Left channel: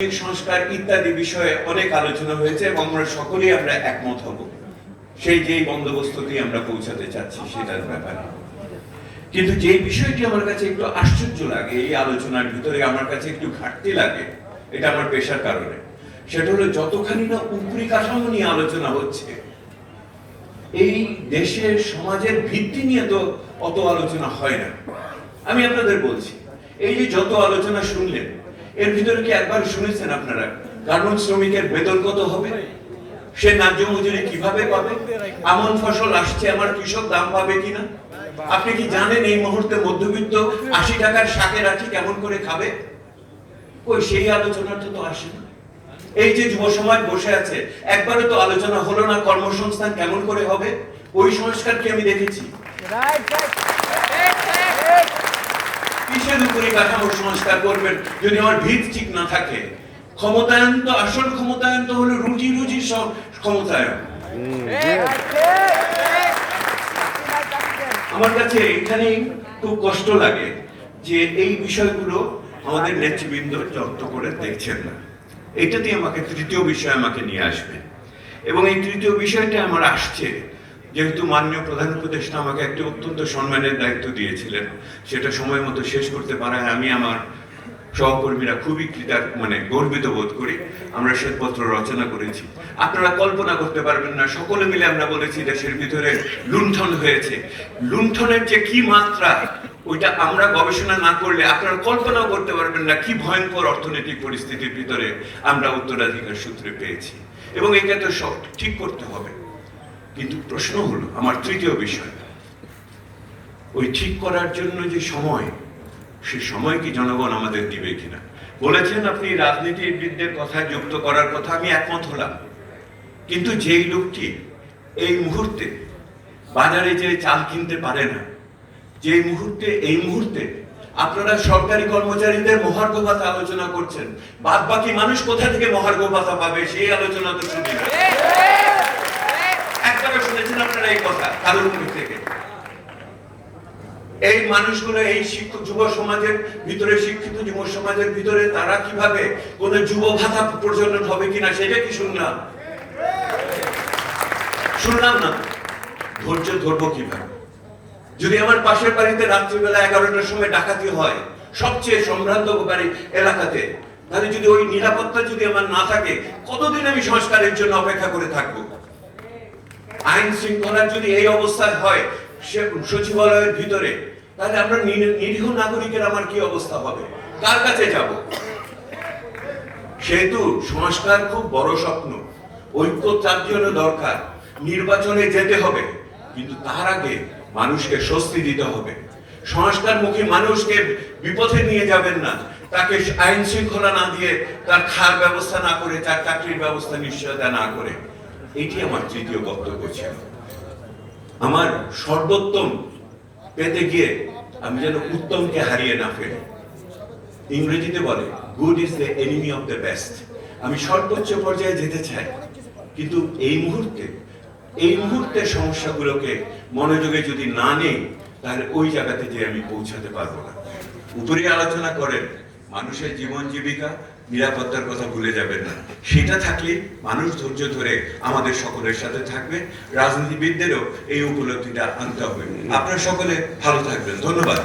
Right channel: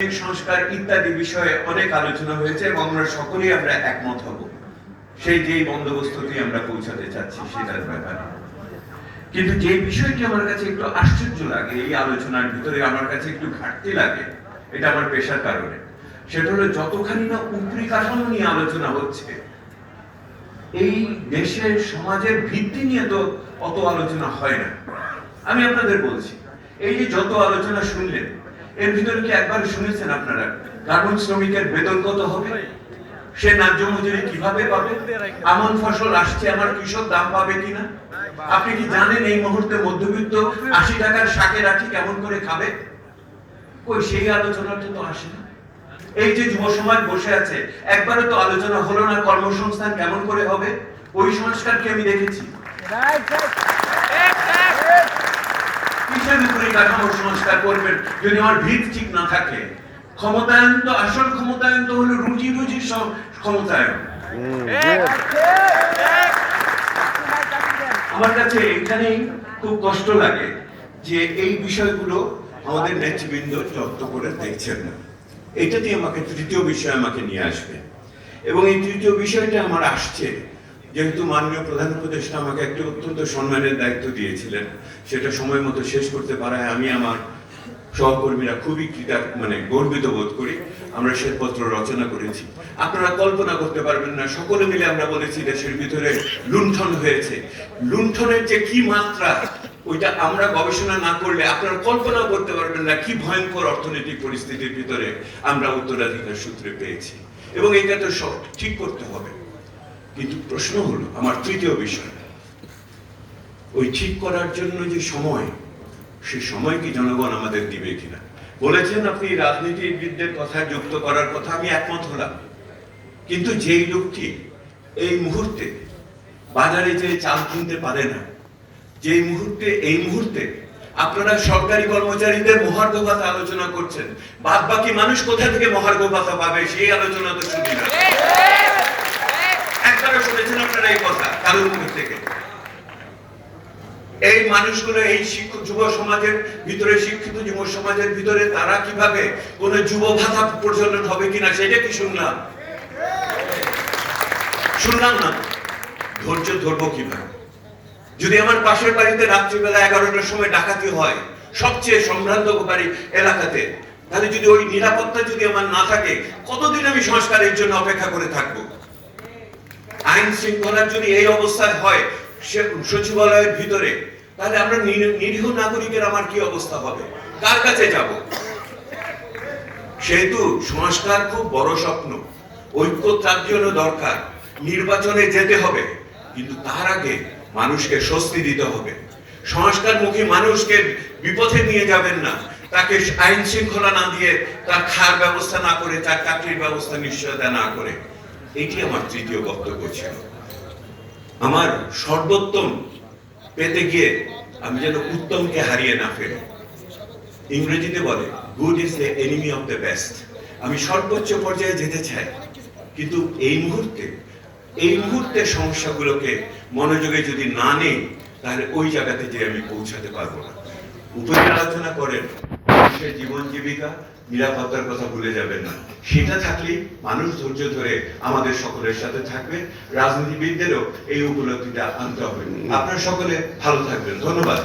সংস্কার ইত্যাদি বিষয়ে অনেক আলোচনা হয়েছে এবং আমরা সকলেই আমরা একমত হব। সেই যেই বন্দোবস্তটি আমরা পৌঁছাতে চাচ্ছি সেটার ব্যাপারে। কিন্তু যে বিষয়টি আমার কাছে একটু আশ্চর্য লাগে, এই আলোচনার ভিতরে আমার কাছে একটু ঘাটতি লাগে, এটা আমার পেশার কারণে। সেটা হলো যতখানি না উপরি কাঠামো নিয়ে আলোচনা হচ্ছে, এই দেশের সমাজের ভিত্তি নিয়ে তো অত আলোচনা হয় না। আমি আপনাদের বলছি, এই যে যত আলোচনা শুনলেন এর ভিতরে কি একবার শুনেছেন আপনারা? গার্মেন্টস শ্রমিকের বেতন কত হবে? সে ন্যায্য মজুরি কীভাবে পাবে? আমন ফসল আসছে, আমার কৃষক দাম পাবে কিনা? আপনি কি জানেন এই মুহূর্তে মধ্যবিত্ত আশি টাকার শাকে রাখি কেমন করে খাবে? ওই সেই আলোচনাটা তো আসে না। এই যে যুব সমাজ বসে আছে একবারে তো আলোচনা হলো না কর্মসংস্থান কেমন করে হবে? ওই সংস্কার কি আমি দেখেছি? কিসের উপরে কাঠামোর সংস্কার করবেন। যদি আমার ভিত ঠিক না থাকে ক্ষমতায়ন তো আসল ক্ষমতায়ন তো হলো রুজি রুজির সব ক্ষমতায়ন। আমার কাছে এখানেই খুব কষ্ট লাগে যে এই বিষয়গুলো আমাদের নেতৃবৃন্দ যত্ন করে দেখছেন না। এটাতে আমাকে তৃতীয় বিষয় আমাকে নিয়ে আসবে। এবং এই তৃতীয় বিষয়টা আমার আসছে যেহেতু মাননীয় প্রধান উপদেষ্টা আমাকে একটি অত্যন্ত সম্মানের দায়িত্ব দিয়েছিলেন, সেটা সময় মতো শেষ করতে পারায় আমি আমার সহকর্মীরা খুবই কৃতার মানে গর্বিত বোধ করি। আমরা শ্বেতপত্র রচনা করেছি। আপনারা কল্পনা করতে পারবেন না, সকলে মিলে আমরা বলেছি দেশের ভিতরে লুণ্ঠন হয়েছে। লুণ্ঠনের যে কি মাত্রা, ওইটা আমরা গবেষণা না করলে আপনারা কল্পনাও করতে পারবেন না কি ভয়ঙ্কর অর্থনৈতিক পরিস্থিতির ভিতরে আমরা উত্তরাধিকার সূত্রে পেয়েছি। এবং এটা তো সব ঠিক করতে হবে। কিন্তু প্রশ্ন হলো, আমার তৃতীয় বিষয়, ওই ঠিক করার জন্য যে সময়, সে সময় কি জনগণ আমাদের দিবে কিনা? বলেছেন আপনি, রাজনীতিবিদদের কথা যুক্ত করার কথা আমি একমত হলাম। কিন্তু যেই লোকটি এই মুহূর্তে বাজারে যে চাল কিনতে পারে না যে মুহূর্তে, এই মুহূর্তে আপনারা সরকারি কর্মচারীদের মহার্ঘ ভাতা আলোচনা করছেন বাদ বাকি মানুষ কোথা থেকে মহার্ঘ ভাতা পাবে সেই আলোচনা তো শুনি না। একবারও শুনেছেন আপনারা এই কথা কারোর মুখ থেকে। এই মানুষগুলো, এই শিক্ষক যুব সমাজের ভিতরে, শিক্ষিত যুব সমাজের ভিতরে, তারা কীভাবে কোন যুব ভাতা প্রচলন হবে কিনা, সেটা কি শুনলাম? শুনলাম না। ধৈর্য ধরবো কীভাবে? যদি আমার পাশের বাড়িতে রাত্রিবেলা এগারোটার সময় ডাকাতি হয়, সবচেয়ে সম্ভ্রান্তকারী এলাকাতে, তাহলে যদি ওই নিরাপত্তা যদি আমার না থাকে, কতদিন আমি সংস্কারের জন্য অপেক্ষা করে থাকব? আইন শৃঙ্খলার যদি এই অবস্থায় হয়, সে- সচিবালয়ের ভিতরে, তাহলে আমরা নিরীহ নাগরিকের আমার কি অবস্থা হবে? কার কাছে যাব? সেহেতু সংস্কার খুব বড় স্বপ্ন। ঐক্য তার জন্য দরকার। নির্বাচনে যেতে হবে, কিন্তু তার আগে মানুষকে স্বস্তি দিতে হবে। সংস্কারমুখী মানুষকে বিপথে নিয়ে যাবেন না। তাকে আইন শৃঙ্খলা না দিয়ে তার খাওয়ার ব্যবস্থা না করে, তার চাকরির ব্যবস্থা নিশ্চয়তা না করে। এটি আমার তৃতীয় বক্তব্য ছিল। আমার সর্বোত্তম পেতে গিয়ে আমি যেন উত্তমকে হারিয়ে না ফেলি। ইংরেজিতে বলে good is the enemy of the best আমি সর্বোচ্চ পর্যায়ে যেতে চাই, কিন্তু এই মুহূর্তে এই মুহূর্তে সমস্যাগুলোকে মনোযোগে যদি না নেই, তাহলে ওই জায়গাতে যে আমি পৌঁছাতে পারব না। উপরে আলোচনা করেন, মানুষের জীবন জীবিকা, নিরাপত্তার কথা ভুলে যাবেন না। সেটা থাকলে মানুষ ধৈর্য ধরে আমাদের সকলের সাথে থাকবে, রাজনীতিবিদদেরও এই উপলব্ধিটা আনতে হবে। আপনারা সকলে ভালো থাকবেন। ধন্যবাদ.